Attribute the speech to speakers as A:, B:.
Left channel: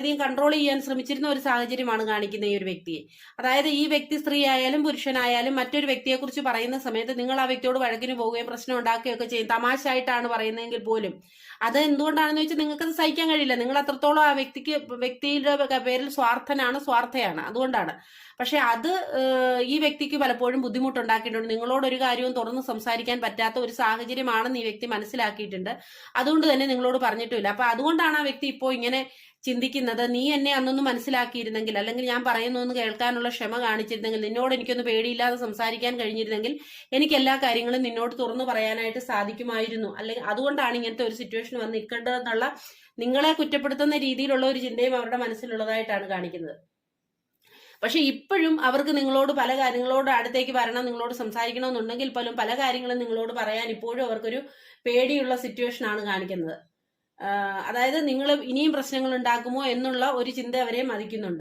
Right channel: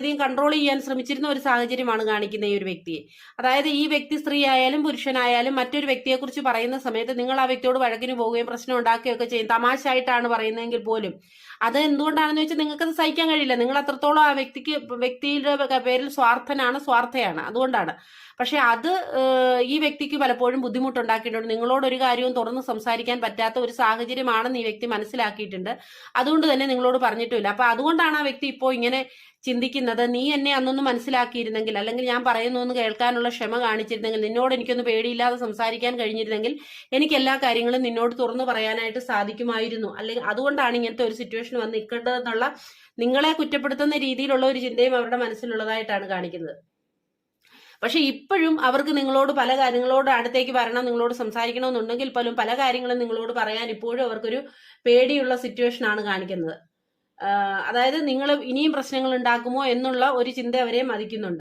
A: അധികം കൺട്രോൾ ചെയ്യാൻ ശ്രമിച്ചിരുന്ന ഒരു സാഹചര്യമാണ് കാണിക്കുന്ന ഈ ഒരു വ്യക്തിയെ. അതായത് ഈ വ്യക്തി സ്ത്രീ ആയാലും പുരുഷനായാലും മറ്റൊരു വ്യക്തിയെ കുറിച്ച് പറയുന്ന സമയത്ത് നിങ്ങൾ ആ വ്യക്തിയോട് വഴക്കിന് പോവുകയും പ്രശ്നം ഉണ്ടാക്കുകയൊക്കെ ചെയ്യും. തമാശയായിട്ടാണ് പറയുന്നതെങ്കിൽ പോലും. അത് എന്തുകൊണ്ടാണെന്ന് വെച്ചാൽ നിങ്ങൾക്കത് സഹിക്കാൻ കഴിയില്ല. നിങ്ങൾ അത്രത്തോളം ആ വ്യക്തിക്ക് വ്യക്തിയുടെ പേരിൽ സ്വാർത്ഥനാണ് സ്വാർത്ഥയാണ്. അതുകൊണ്ടാണ്. പക്ഷെ അത് ഈ വ്യക്തിക്ക് പലപ്പോഴും ബുദ്ധിമുട്ടുണ്ടാക്കിയിട്ടുണ്ട്. നിങ്ങളോട് ഒരു കാര്യവും തുറന്ന് സംസാരിക്കാൻ പറ്റാത്ത ഒരു സാഹചര്യമാണെന്ന് ഈ വ്യക്തി മനസ്സിലാക്കിയിട്ടുണ്ട്. അതുകൊണ്ട് തന്നെ നിങ്ങളോട് പറഞ്ഞിട്ടുമില്ല. അപ്പൊ അതുകൊണ്ടാണ് ആ വ്യക്തി ഇപ്പോൾ ഇങ്ങനെ ചിന്തിക്കുന്നത്. നീ എന്നെ അന്നൊന്ന് മനസ്സിലാക്കിയിരുന്നെങ്കിൽ അല്ലെങ്കിൽ ഞാൻ പറയുന്നൊന്ന് കേൾക്കാനുള്ള ക്ഷമ കാണിച്ചിരുന്നെങ്കിൽ നിന്നോട് എനിക്കൊന്ന് പേടിയില്ലാതെ സംസാരിക്കാൻ കഴിഞ്ഞിരുന്നെങ്കിൽ എനിക്ക് എല്ലാ കാര്യങ്ങളും നിന്നോട് തുറന്നു പറയാനായിട്ട് സാധിക്കുമായിരുന്നു. അല്ലെങ്കിൽ അതുകൊണ്ടാണ് ഇങ്ങനത്തെ ഒരു സിറ്റുവേഷൻ വന്ന് നിൽക്കേണ്ടതെന്നുള്ള നിങ്ങളെ കുറ്റപ്പെടുത്തുന്ന രീതിയിലുള്ള ഒരു ചിന്തയും അവരുടെ മനസ്സിലുള്ളതായിട്ടാണ് കാണിക്കുന്നത്. പക്ഷെ ഇപ്പോഴും അവർക്ക് നിങ്ങളോട് പല കാര്യങ്ങളോട് അടുത്തേക്ക് വരണം നിങ്ങളോട് സംസാരിക്കണമെന്നുണ്ടെങ്കിൽ പോലും പല കാര്യങ്ങളും നിങ്ങളോട് പറയാൻ ഇപ്പോഴും അവർക്കൊരു പേടിയുള്ള സിറ്റുവേഷൻ ആണ് കാണിക്കുന്നത്. അതായത് നിങ്ങൾ ഇനിയും പ്രശ്നങ്ങൾ ഉണ്ടാക്കുമോ എന്നുള്ള ഒരു ചിന്ത അവരെ മതിക്കുന്നുണ്ട്.